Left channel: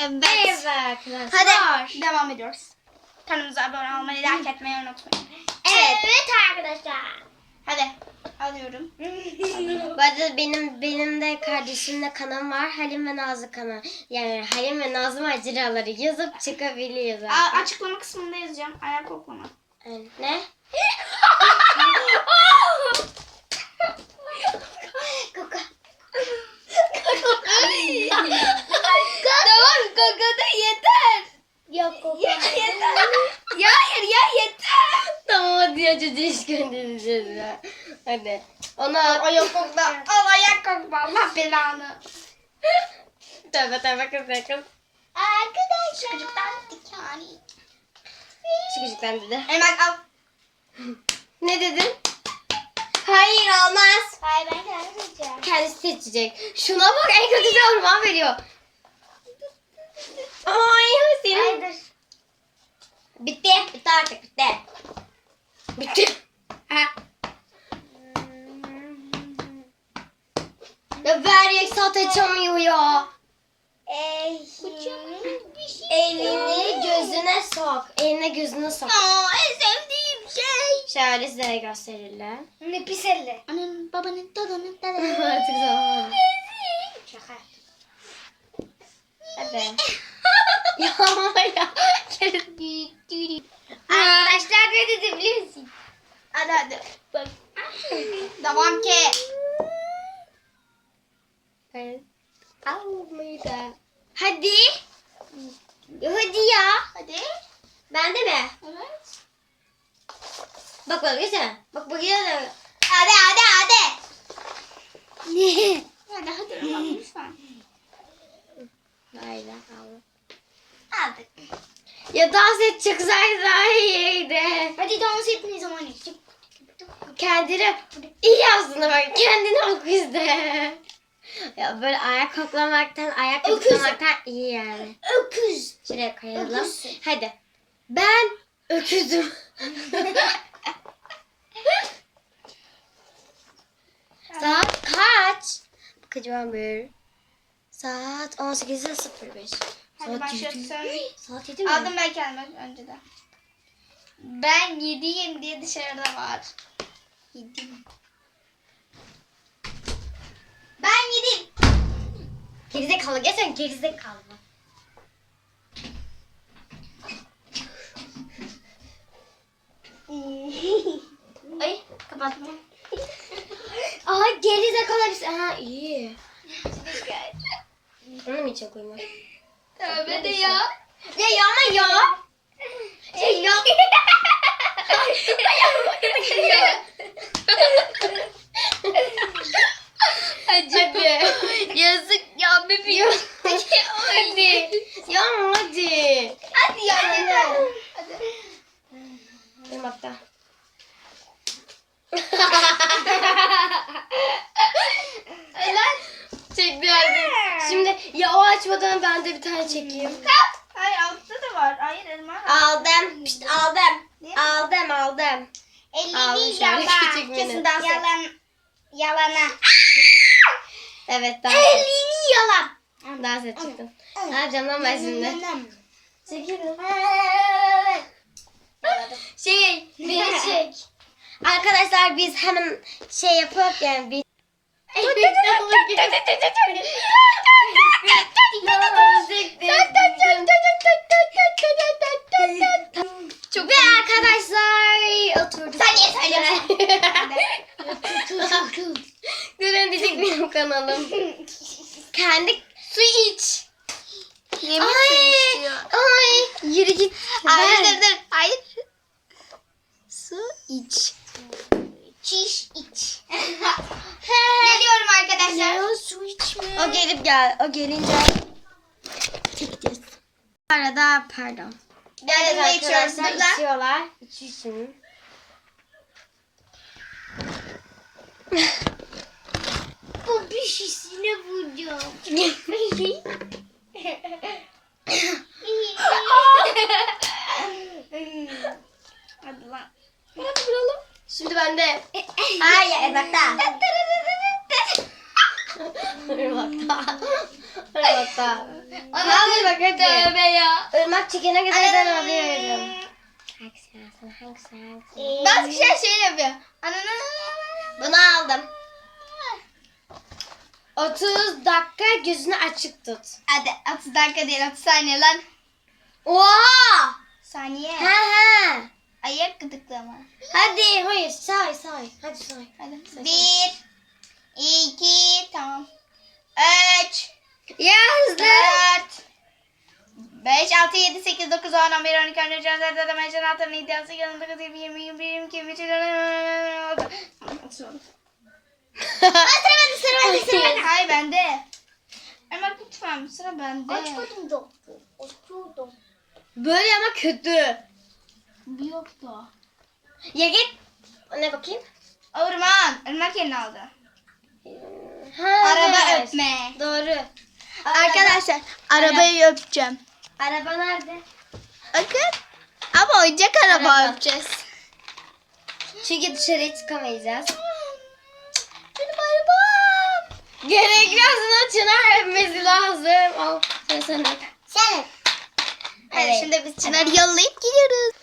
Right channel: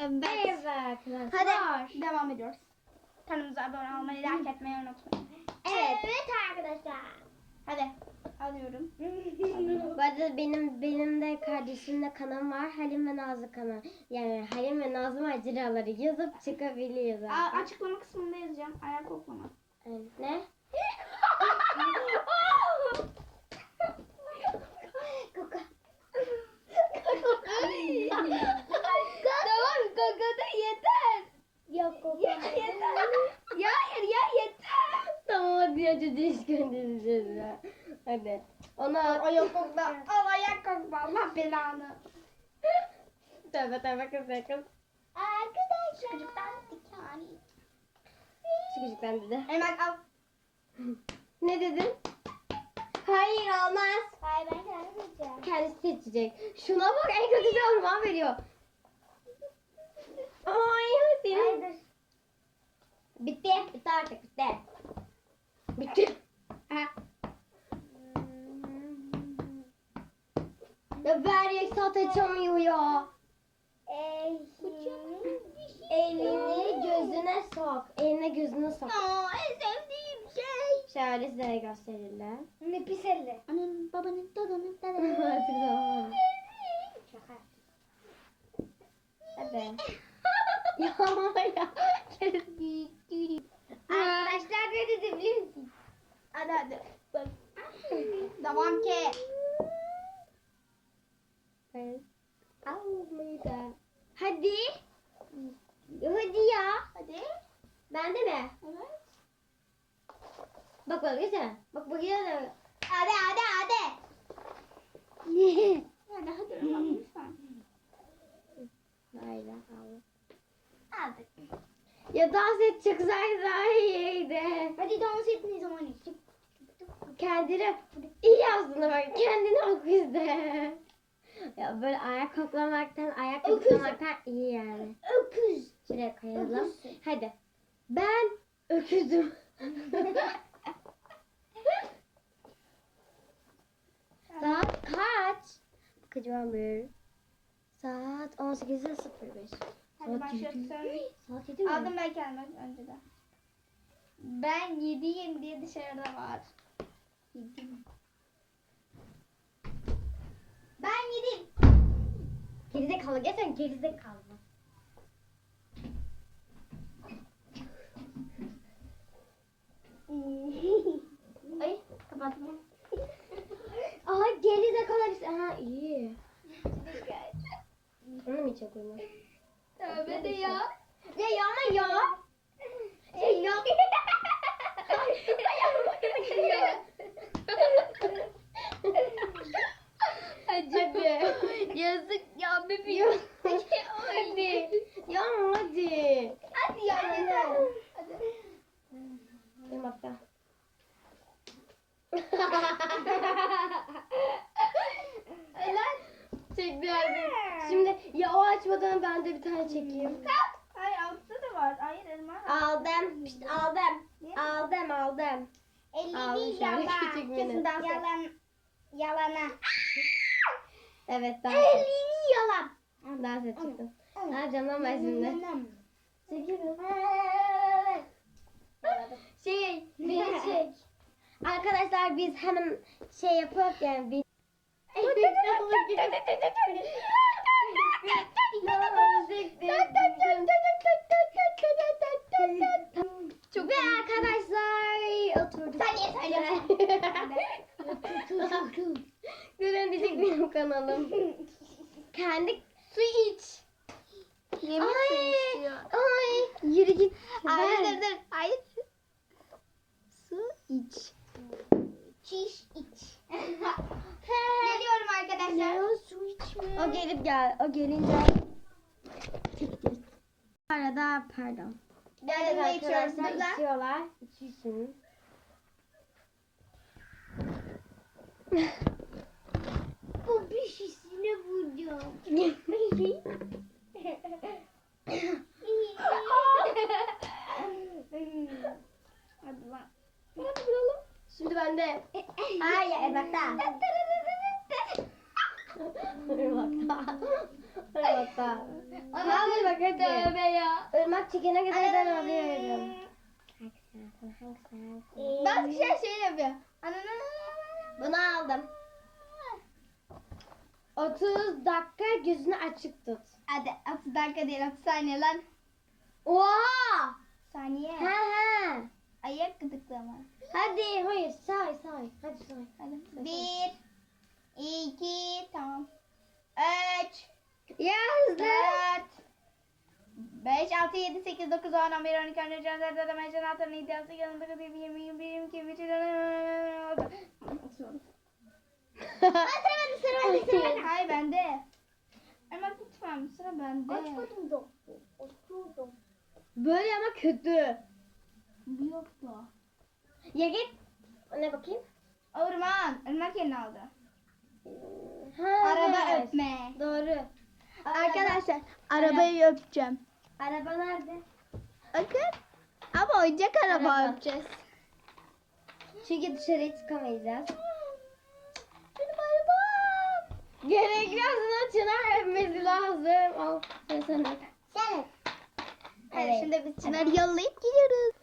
Evet. Merhaba arkadaşlar. Hadi devam ediyoruz. Kanalımıza abone olmayı, like etmeyi unutmayın. Evet. Evet arkadaşlar. Hadi alıyorum. Bu arada benim benim de kardeşimle kanalım var. Halim ve Nazlı kanal. Yani Halim ve Nazlı maceraları yazıp çıkabiliyor zaten. Aa, açıklama kısmında yazacağım. Ayak koklama. Evet. Ne? Kaka. Tamam kokoda yeter. Yok yok. Ya yeter. ya hayır ya yeter. tamam hadi ya çocuğu iş göndereceğiz ya. Hadi. Ona Ayak kokla. Al ayak kokla. Allah belanı. tövbe tövbe kız ya kız. Arkadaşlar. Çocuktan dikani. Çıkıcıktan dedi. Hemen al. Ne dedin? Hayır olmaz. Hayır ben kendim seçeceğim. Kendisi seçecek. Şuna bak en kötü orman veriyor. Ay senin. Hayır. Bitti. Bitti artık bitti. Bitti. Ha. Ya ver Yeksat açamıyor ya. Elini gözüne sok. Eline gözüne sok. Aa, en sevdiğim şey. Şöyle size de gösterelim. Ne pis elle. Annenin, babanın, dadanın, Artık zaman. Şaka. Hadi. ya ya. Arkadaşlar ne dedi biliyor musun? Hadi hadi. Bak. Devam ki. Evet. Almayı da. Hadi. Hadi ya. Hadi. Ben de mi? Evet. Bak bak geçsene. Bak bak geçsene. Hadi hadi hadi. Hadi hadi Irmak, lütfen. Hayır Allah. Hadi. Ya dans et çok güzel daha iyiydi. Hadi dans etmeyi zaman geçecek. Kendini iyi aslında bak kendini oku izle. Ya böyle ayak koklamaktan, ayak Öküz. koklamaktan iyi yani. Öküz. Şuraya koyalım. Öküzsün. Hadi. Ben öküzüm. Saat kaç? Bakacağım bir. Saat 18.05. Hadi Saat başlıyorsun. 7. Saat 7 mi? Aldım ben kendime önceden. Ben yediyim diye dışarıda var. Yedim. Ben yedim. Gerizekalı geçen gerizekalı. Ay kapattım. Aa gerizekalı bir şey. Ha iyi. Onu mu içe koyma? Tövbe de ya. Ya yapma ya. Ya yap. Hadi. Yazık ya bebeğim. Hadi. Ya hadi. Hadi ya yeter. Hadi. Benim hatta. Lan. Çekti artık. Şimdi ya o açmadan ben de bir tane çekeyim. Hayır altta da var. Hayır elma. Aldım. Pişt, aldım. Ne? Aldım aldım. Aldım Elini şöyle yalan. küçük. Kesin dans et. Yalan. Yalana. Evet dans et. Elini yalan. Dans et çıktım. Ne yapacağım lan ben şimdi? Çekelim. Şey, beni çek. Arkadaşlar biz hemen şey yapıp yani bir... Çok Ve arkadaşlar oturduk. Sen niye söylüyorsun? Gören diyecek benim kanalım. Kendi su iç. Yemin Ay, ay. Yürü git. Hayır dur dur. Hayır. Su iç. Çiş iç. Geliyorum arkadaşlar. Ya su içme. O gelip gel. O gelince çekeceğiz. Arada pardon. Ben de içiyoruz burada. içiyorlar. İçiyorsun. Bu bir şişine vuracağım. Hadi lan. Şimdi ben de. Hayır Ebak'ta. Ebak'ta. Ebak'ta. Ana bak hadi. Tövbe ya. Irmak çekene kadar ben alıyorum. Hangisi alsın hangisi? Bazı kişiler şey yapıyor. Ananı. Bunu aldım. 30 dakika gözünü açık tut. Hadi 30 dakika değil 30 saniye lan. Oha! Saniye. Ha ha. Ayak gıdıklama. Hadi hayır say say. Hadi say. Hadi. Say, Bir. iki, tamam. Üç. Yazdı. Dört. 5, 6, 7, 8, 9, 10, 11, 12, 13, 14, 15, 16, 17, 18, 19, 20, 20, 21, 22, 23, 24, Sıra bende sıra bende sıra bende. Hayır bende. Ama lütfen sıra bende. Açmadım da. Açıyordum. Böyle ama kötü. Bir yoktu. Ya git. Ne bakayım? Orman. Irmak elini aldı. Ha, Araba evet. öpme. Doğru. Arkadaşlar arabayı öpeceğim. Araba nerede? Bakın. Ama oyuncak araba, Araba. öpeceğiz. Çünkü dışarıya çıkamayacağız. Benim arabam. Gerekmez buna çınar öpmesi lazım. Al sen sen. Sen. Evet. şimdi biz Çınar'ı yollayıp gidiyoruz.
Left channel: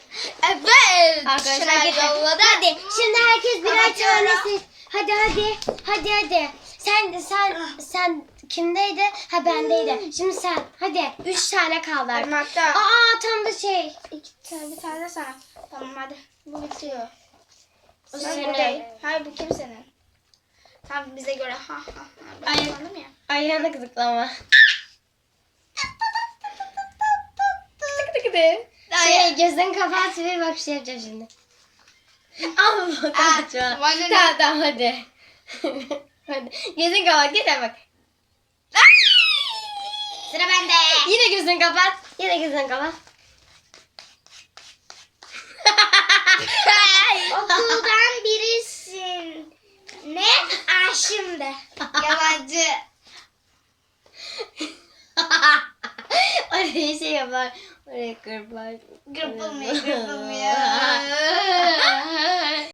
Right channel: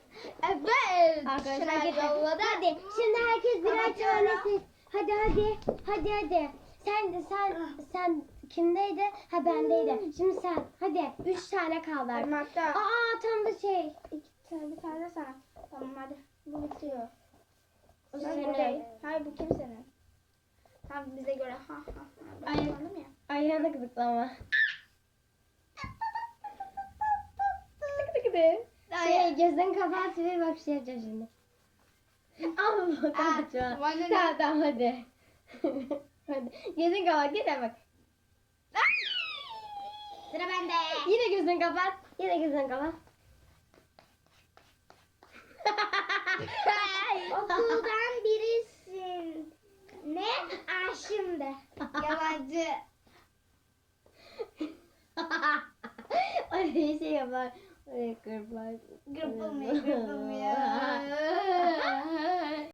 Evet. Arkadaşlar yolladı. Hadi şimdi herkes birer tanesi. Hadi hadi. Hadi hadi. Sen sen sen kimdeydi? Ha bendeydi. Şimdi sen. Hadi. Üç tane kaldı. artık. Irmak'ta. Aa tam da şey. İki tane bir tane sana. Tamam hadi. Bu bitiyor. O Sen senin. Hayır bu kimsenin? Tam bize göre ha ha ha. Ben Ay. anladım ya. Ayağına gıdıklama. Şey gözlerini kapat ve bak şey yapacağım şimdi. Ama bak Aa, açma. bana ne? Tamam tamam hadi. hadi. Gözünü kapat yeter bak. Sıra bende. Yine gözünü kapat. Yine gözünü kapat. Okuldan birisin. Ne? Aşım de. Yalancı. Oraya şey yapar. Oraya kırpar. Gırpılmıyor gırpılmıyor.